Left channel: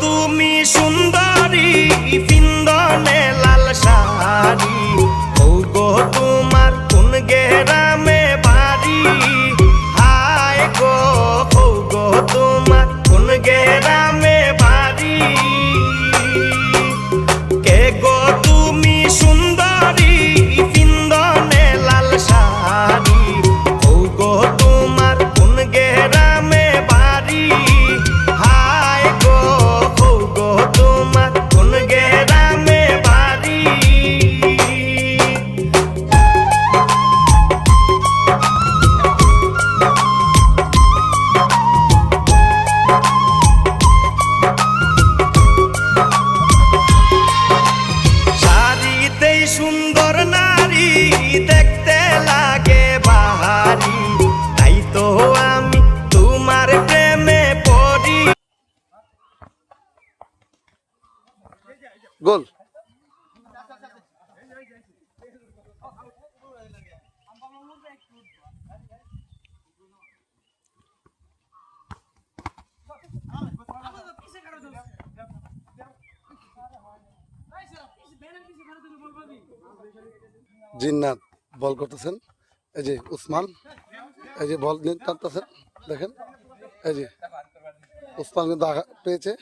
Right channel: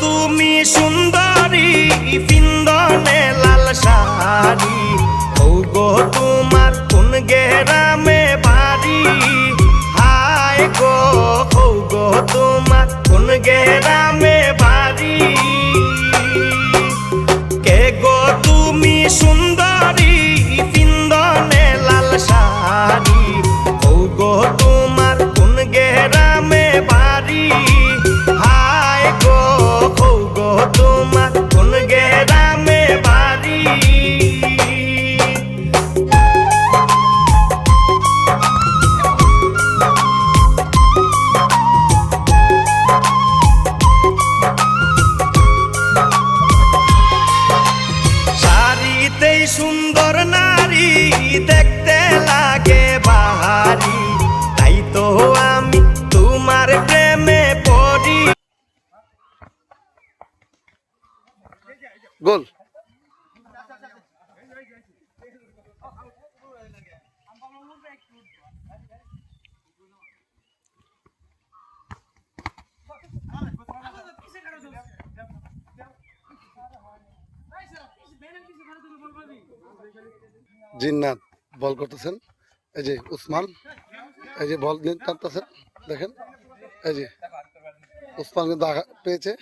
তুমি সুন্দরী পিন্দনে লাল শাড়ি, ও গো তোমার কোন গেরামে বাড়ি, হায় গো ও গো তোমার কোন গেরামে বাড়ি, কে গো তুমি সুন্দরী পিন্দনে লাল শাড়ি, ও গো তোমার কোন গেরামে বাড়ি, হায় গো ও গো তোমার কোন গেরামে বাড়ি। শাড়িতেই সুন্দর নারী দেখতে লাগে বাহারি, তাই তো আমি তোমার প্রেমে পড়ি। গোল জিন্নাত বল করতেছেন, এই যে উসমান, এই যে বল টানতেছেন, দেখেন এই যে উসমান কিন্তু পেয়েছে।